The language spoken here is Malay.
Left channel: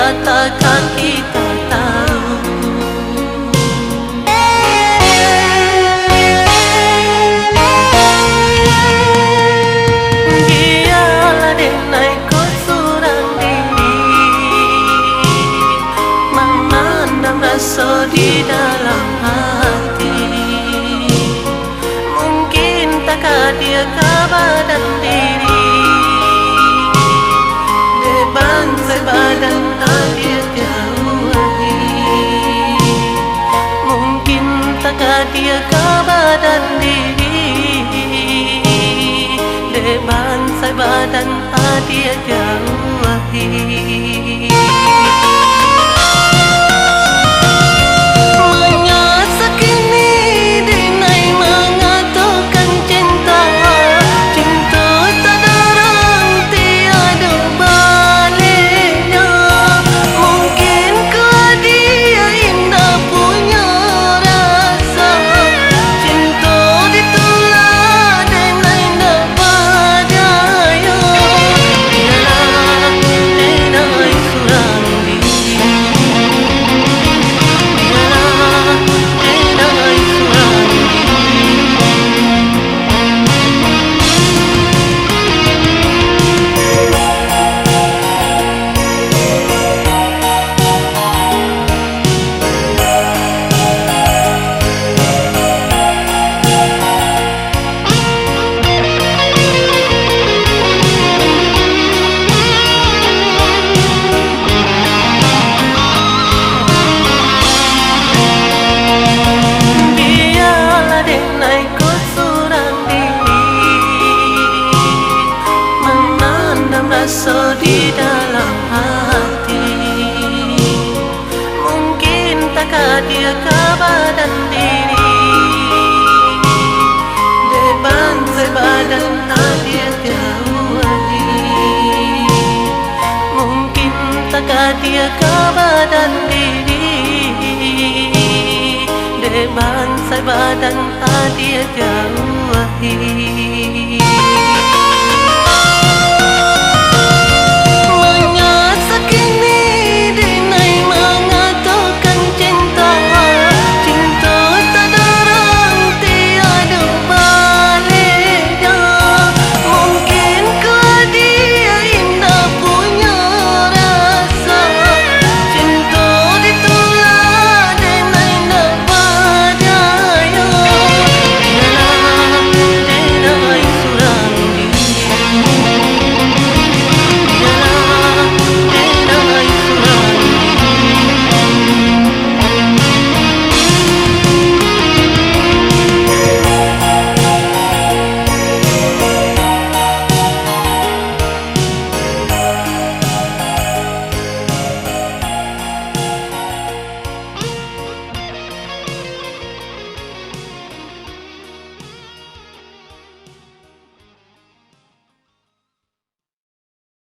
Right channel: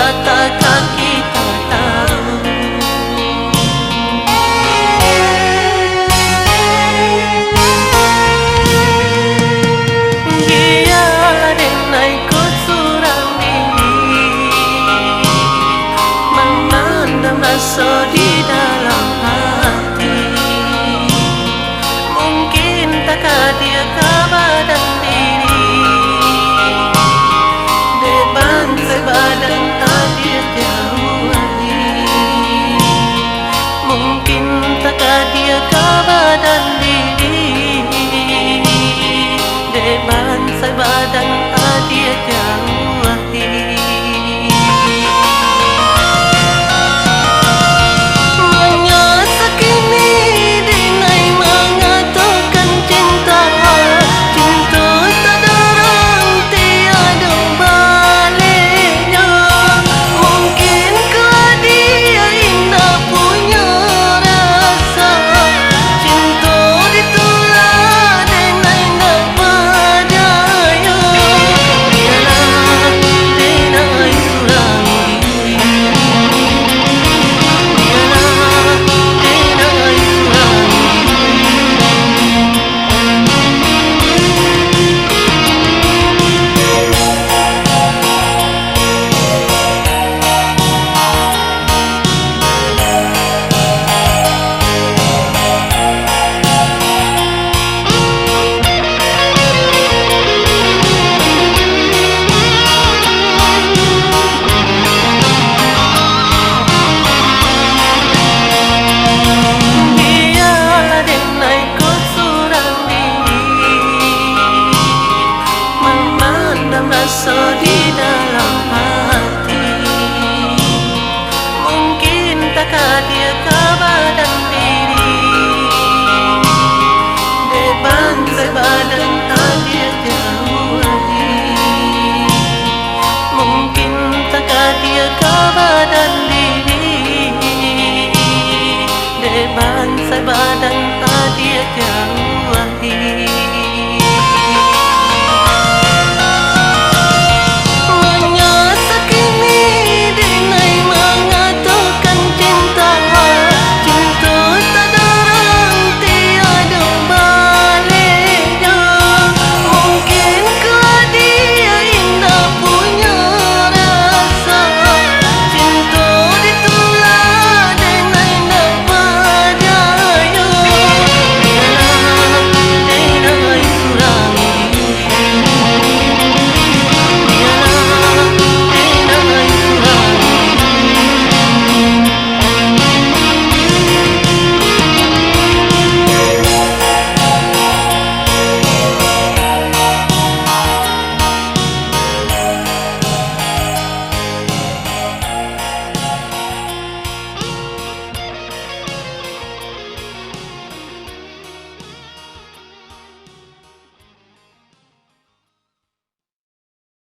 dia takkan kita tahu. Biarlah denai ku surang diri memandang rasa di dalam hati. Mungkin takkan dia kabadan diri deban sebadan dia jauhi. Mungkin takkan dia kabadan diri deban sebadan dia jauhi. Rasa di dalam hati. Mungkin takkan dia kabadan diri deban sebadan dia jauhi. Mungkin takkan dia kabadan diri deban sebadan dia jauhi.